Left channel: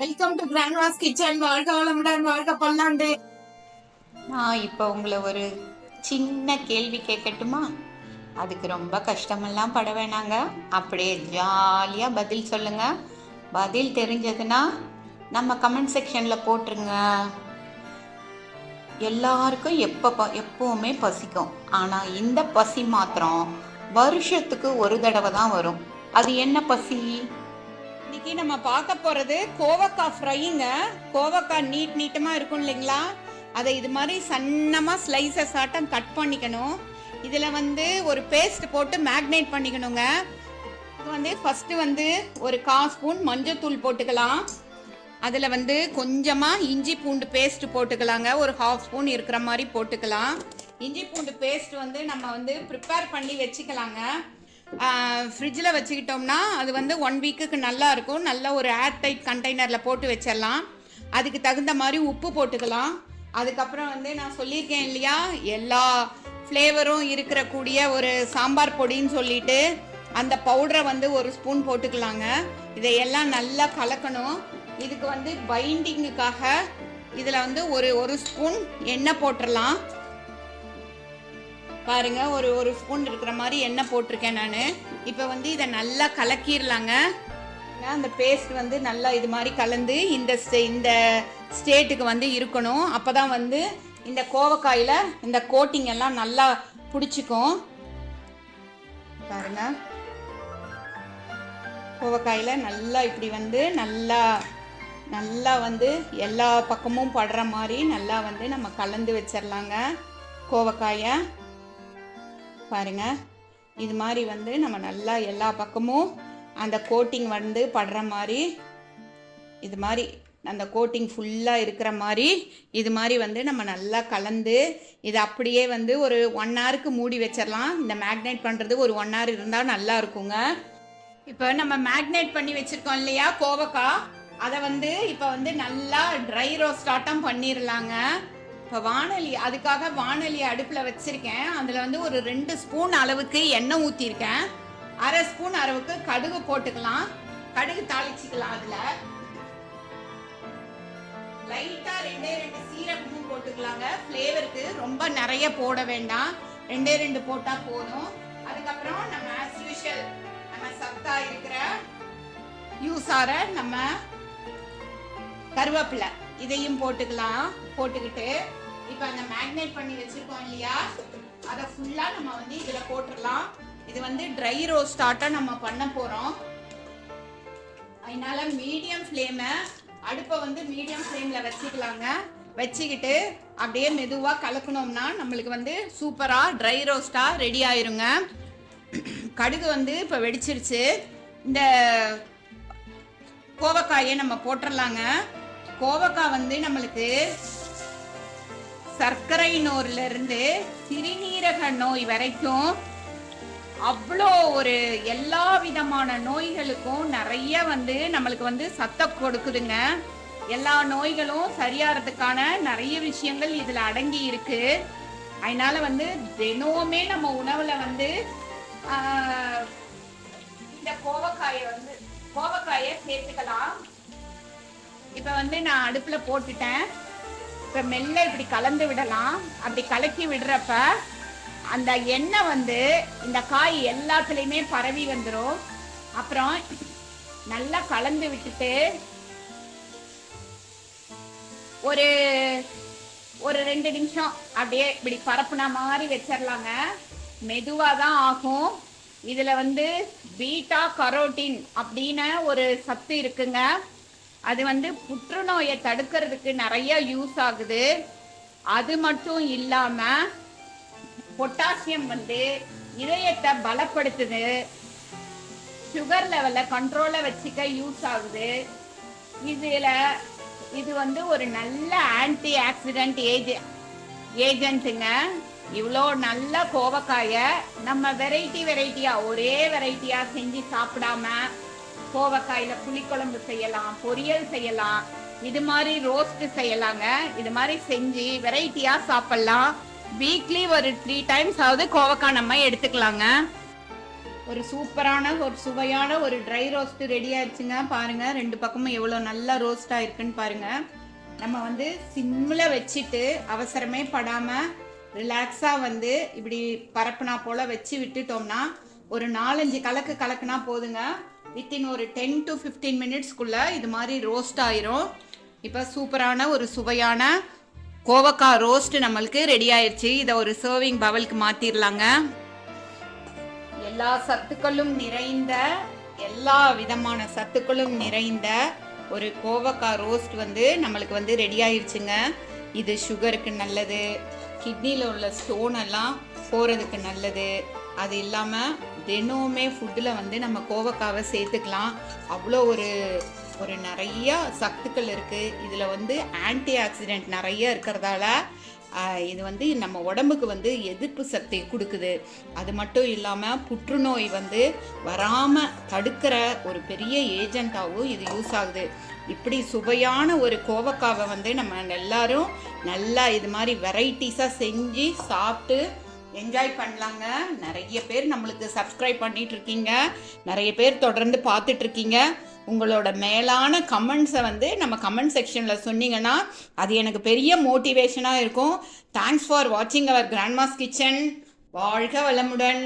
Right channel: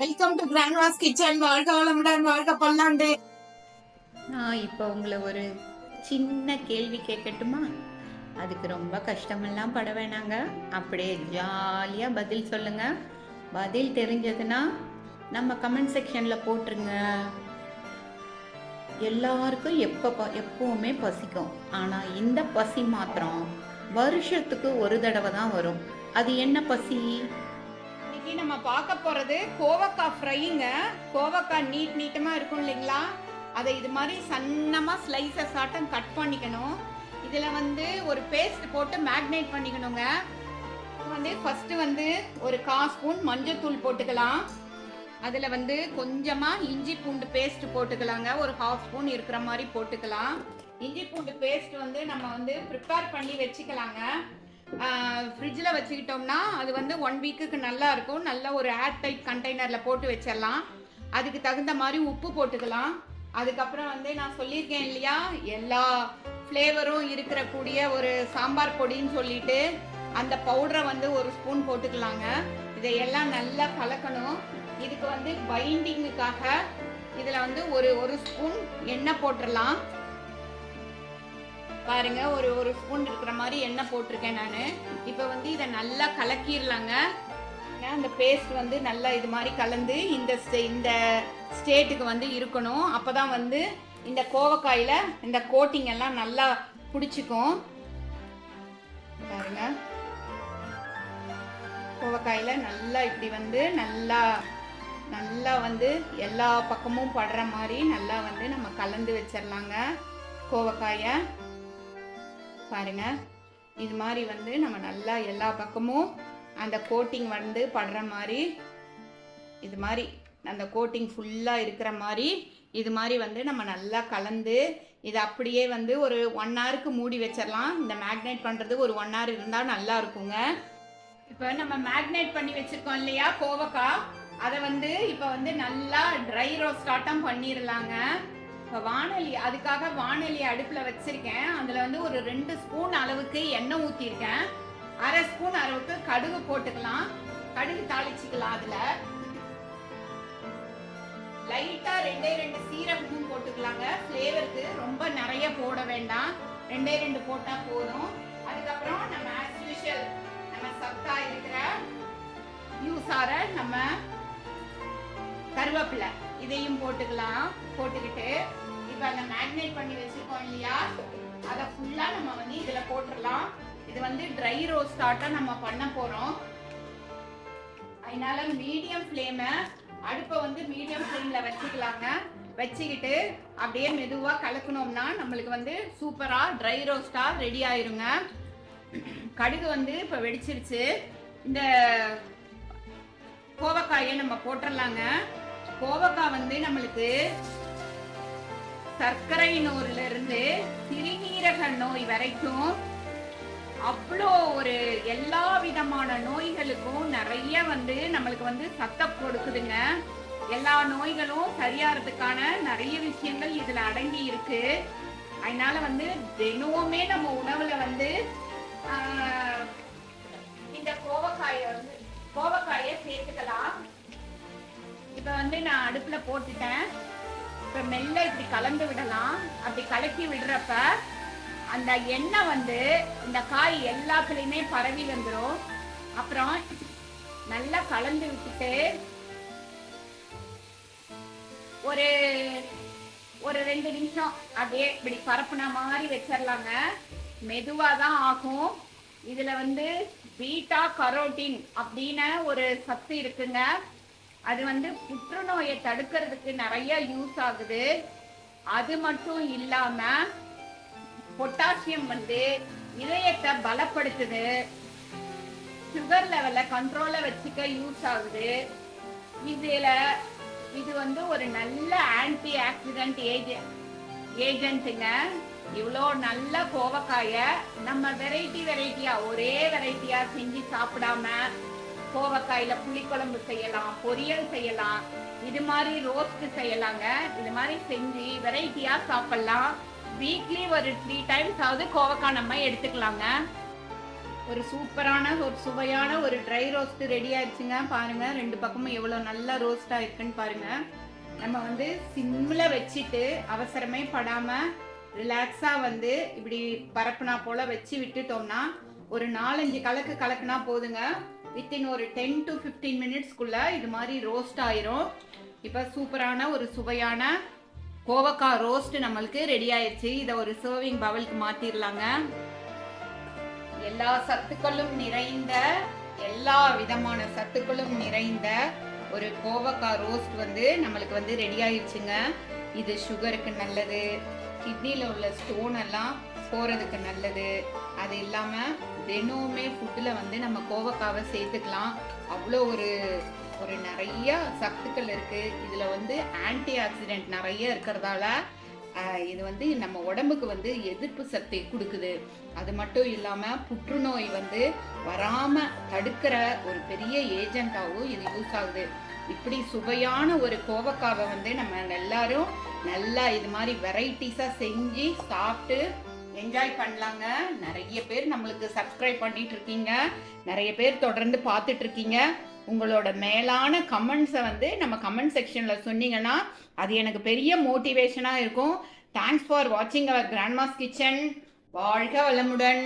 Welcome to Grandma's kitchen. வாழ்க வளமுடன், வாழ்க பல்லாண்டு. நான் இப்போ உங்களை ஒரு சின்ன கேள்வி கேட்கட்டுமா? அதுக்கு ரொம்ப கஷ்டமெல்லாம் பட வேணாங்க, அப்படியே ஜாலியாக பதில் சொல்லுங்க. பதில் தெரிஞ்சதுன்னா நம்ம கமெண்ட் செக்ஷனில் போட்டுருங்க. எல்லாருக்கும் எப்போவுமே பசிக்கும், ஆனால் இந்த பசி மாத்திரம் வருஷத்துக்கு ஒரு தடவை தான் வரும். அது என்ன பசி? இன்னைக்கு நம்ம பார்க்க போகிறது கோவக்காய் ஃப்ரைங்க. கோவக்காய் நீட்டமாக இருக்கும் இல்லைங்களா, அதை இது மாதிரி சன்னமாக ஸ்லைசஸ் ஆட்டம் கட் பண்ணிக்கணும். இதில் ஒரு பேஸ்ட் போட்டு மேக்னேட் பண்ணிக்கணுங்க. ஃபஸ்ட்டு ஒரு 1/4 ஸ்பூன் மஞ்சள் போட்டுக்கலாம். அதில் கொஞ்சமாக இஞ்சி பூண்டு பேஸ்ட் போட்டுக்கலாங்க. ஒரு 1/2 ஸ்பூன் இருக்கிற மாதிரி போட்டுக்கலாம். இஞ்சி பூண்டு பேஸ்ட் நம்ம ப்ரிப்பேர் பண்ணி வச்சுக்கலாங்க. ஃப்ரிட்ஜில் வச்சுக்கிட்டோம்னா அது 1 வீக்குக்கு நல்லா இருக்கும். நல்ல ஒரு ஏர் டைட் கண்டெய்னரில் போட்டு வச்சிடலாம். அதுக்கு தகுந்த மாதிரி உப்பு போட்டுக்கலாம். அதுக்கப்புறம் நான் சொல்லியிருக்கேன் இல்லையா, எல்லா ஃப்ளேவரும் இருக்கிற கூடிய ஒரு சாம்பார் பொடின்னு சொல்லிட்டு அந்த பவுடரை 1 ஸ்பூன் போட்டுக்கலாங்க. இதையெல்லாம் நல்லா கலக்கணும். இதுக்கு பைண்டிங்குக்காக இதில் ஒரு ஸ்பூன் எண்ணெய் போட்டுடலாம். பாருங்க, ஒரு ஸ்பூன் இருக்கிற மாதிரி எண்ணெய் போட்டிருக்கேன் நான். இப்போ இதை நல்லா கலக்கிடலாங்க. அந்த பேஸ்ட் நல்லா இது மாதிரி கலந்து இந்த ஸ்டேட்டுக்கு இருக்கணும். அப்போ தான் இந்த கோவக்காயில் இந்த கோட்டிங் எல்லாம் நல்லா பிடிச்சிக்கும். பாருங்க, கோவக்காயில் நல்லா இப்படி நல்லா நல்லா எல்லா பக்கமும் படுற மாதிரி நல்லா நம்ம கலந்து வச்சிடலாங்க கோவக்காயை. பாருங்க, இது மாதிரி நம்ம நல்லா எல்லா பக்கமும் அந்த கோட்டிங் படுற மாதிரி, இது மாதிரி அந்த கோட்டிங் ஃபுல்லாக இருக்கிற மாதிரி இது மாதிரி நம்ம நல்லா கலந்து இது அப்படியே ஒரு 1 ஹவருக்கு மூடி வச்சிடலாம். இந்த மேக்னேட் பண்ணுறது ஒரு 1 ஹவர் இருந்தால் நல்லா இருக்குங்க. இப்போ நம்ம மேக்னேட் பண்ணி வச்சுருக்கோம் இல்லையா கோவக்காய், அதை இப்போ நல்லா ட்ரை ரோஸ்ட் ஆட்டம் பண்ணிடலாங்க. இப்போ அதுக்காக வானொலி அடுப்பில் வச்சுருக்கேன். அதில் ஒரு 2 ஸ்பூன் அளவுக்கு எண்ணெய் ஊற்றிருக்கேன். 1/2 ஸ்பூன் அளவுக்கு கடுகு போட்டுக்கலாம். கடுகு தாளிச்சிக்கலாம். அதில் லைட்டாக 2 சீரகமும் போட்டுக்கலாங்க. ஃப்ளேவருக்கு ரொம்ப நிறைய போட வேண்டாம், 2 போட்டால் போதும். அதுக்கப்புறம் நம்ம ஆஸ் யூஷுவல் நம்ம சத்தா இருக்கிற யூஸார நம்ம கருவேப்பிலை இதையும் போட்டுக்கலாம். போட்டுக்கிட்டு இப்போ அந்த மேக்னேட் பண்ணி வச்சிருக்கோம் இல்லையா, அதை ஃபுல்லாக நம்ம இதில் போட்டுடலாம். இது ட்ரை ரோஸ்ட் ஆட்டம் நம்ம பண்ண போகிறோம். அதனால மீடியம் ஃப்ளேமை அடுப்பை மீடியம் ஃப்ளேமில் வச்சுக்கலாங்க. வச்சுக்கிட்டு அப்படியே மெதுவாக கலக்கணும்னா நம்மளுக்கு சூப்பராக ட்ரை ரோஸ்டாக ரெடி ஆயிருங்க. கடுகு இப்போ வெடிச்சிருச்சு. இந்த கோவக்காயை நம்ம போட்டுடலாங்க. கோவக்காய் நம்மளுக்கு சர்க்கரை நோயில இருந்து சிறுநீரக நோய் வரைக்கும் அவ்வளோ ஒரு எல்லா விதமான நோய்களுக்கும் நிறைய நம்மளுக்கு சத்தம் கொடுக்குதுங்க. எல்லா நோய்களும் சரியாகிறதுக்கான நிறைய விஷயங்கள் இதுல அடங்கி இருக்கு. அதனால தினமுமே நம்ம உணவுல இந்த கோவக்காயை சேர்த்துக்கலாம். இப்போ நான் அடுப்பில் போட்டுட்டேன். இப்போ மெல்ல இப்படி கலந்து விடலாம். அப்படி கலக்கி விடுறப்ப அந்த எண்ணெய் இந்த காய் எல்லாத்துலேயுமே பரவி வந்துடும். அப்புறம் நல்லா கலந்து விட்டுட்டு ஒரு 2 நிமிஷம் அப்படியே இப்படி பரப்புன மாதிரி வச்சிடலாங்க. மெதுவாக தான் ஆகும். இதில் பீட்டா கரோட்டின் அப்படின்னு ஒரு சத்து இருக்குங்க. அது புற்றுநோயை தடுக்கிறதுக்கு நிறைய யூஸ் ஆகுது. அது மட்டும் இல்லாம பொட்டாசியம் இதயத்தை பலப்படுத்துது. சுகர் லெவலை கண்ட்ரோல வச்சுக்க யூஸ் ஆகுது. இது ஒரு நல்ல ஆன்டி ஆக்சிடென்ட் ஏஜென்ட்டுங்க. இவ்வளோ நல்ல கோவக்காயை நம்ம வெரைட்டியா ஒரே வெரைட்டியா செஞ்சு சாப்பிடாம கோவக்காயில புளிக்குழம்பு செய்யலாம், பொரியல் செய்யலாம், இது மாதிரி ரோஸ்ட் செய்யலாங்க. இது மாதிரி செஞ்சு வெரைட்டியா சாப்பிடலாம். வீக்லி ஒரு 3 டைம்ஸ் ஆகுது கோவக்காய் நம்ம எடுத்துக்கலாங்க. ஒரு சூப்பரான ஒரு சுவையான ஒரு ட்ரை ரோஸ்ட் ரெடி ஆயிடுச்சுங்க. பாருங்க 2 பக்கமும் எவ்வளோ நல்லா ரோஸ்ட் ஆயிருக்குன்னு பாருங்க. நம்ம வந்து சிம்மில் வச்சுட்டு அவசரமே படாமல் ரிலாக்ஸாக வந்து இப்படி பரப்புனா போல் வச்சு விட்டுட்டோம்னா ஒரு 4-5 கலக்குனா போதுங்க. வித்தின் ஒரு 10 to 15 மினிட்ஸ்க்குள்ளே இது மாதிரி ரோஸ்ட் ஆயிரும். இப்போ சூப்பரான ஒரு சுவையான கோவக்காய் ரோஸ்ட் நம்மளுக்கு ரெடி ஆயிடுச்சு. இதை ஒரு சர்விங் பவுலுக்கு மாற்றிடலாங்க. எல்லா சத்துக்களும் நிறைந்த எல்லா விதமான சத்துக்களும் நிறைந்த ஒரு கோவக்காய் ரோஸ்ட் வந்து நம்மளுக்கு வந்து ரெடி ஆயிடுச்சுங்க. இது சுகருக்கு நல்லது, கிட்னியில் உள்ள ஸ்டோன் எல்லாம் போகிறதுக்கு நல்லது. அது இல்லாமல் தினமுமே ஃபுட்டில் வந்து நம்ம கோவக்காவை சேர்த்துக்கலாம். அவ்வளோ ஒரு நிறைய சத்துக்கள் இருக்குது. இதில் வந்து ஆன்டி ஆக்சிடென்ட் நிறைய இருக்கிறதால இது வந்து நம்ம உடம்புக்கு வந்து எதிர்ப்பு சக்தி கொடுக்குது. அது மட்டும் இல்லாமல் புற்றுநோய் வந்து வராமல் தடுக்கிற ஒரு பெரிய ஏஜென்ட்டாகவும் இது யூஸ் ஆகுது. இப்படி சுவையான ஒரு கோவக்காவை வந்து நம்ம எல்லாரும் நல்லா இது மாதிரி வெரைட்டிஸாக செஞ்சு சாப்பிட்டு என்ஜாய் பண்ணலாங்க. நிறைய பேர் நம்மளுக்கு சப்ஸ்கிரைப் பண்ணிட்டு இருக்கீங்க, நிறைய பேர் தொடர்ந்து பார்த்துட்டு இருக்கீங்க. உங்களோட மேலான கமெண்ட்ஸை வந்து நம்ம கமெண்ட் செக்ஷனில் சொன்னீங்கன்னா அது எனக்கு பெரிய மோட்டிவேஷனாக இருக்கும். தேங்க்ஸ் ஃபார் வாட்சிங் அவர் கிராண்ட்மாஸ் கிச்சன். வாழ்க வளமுடன்.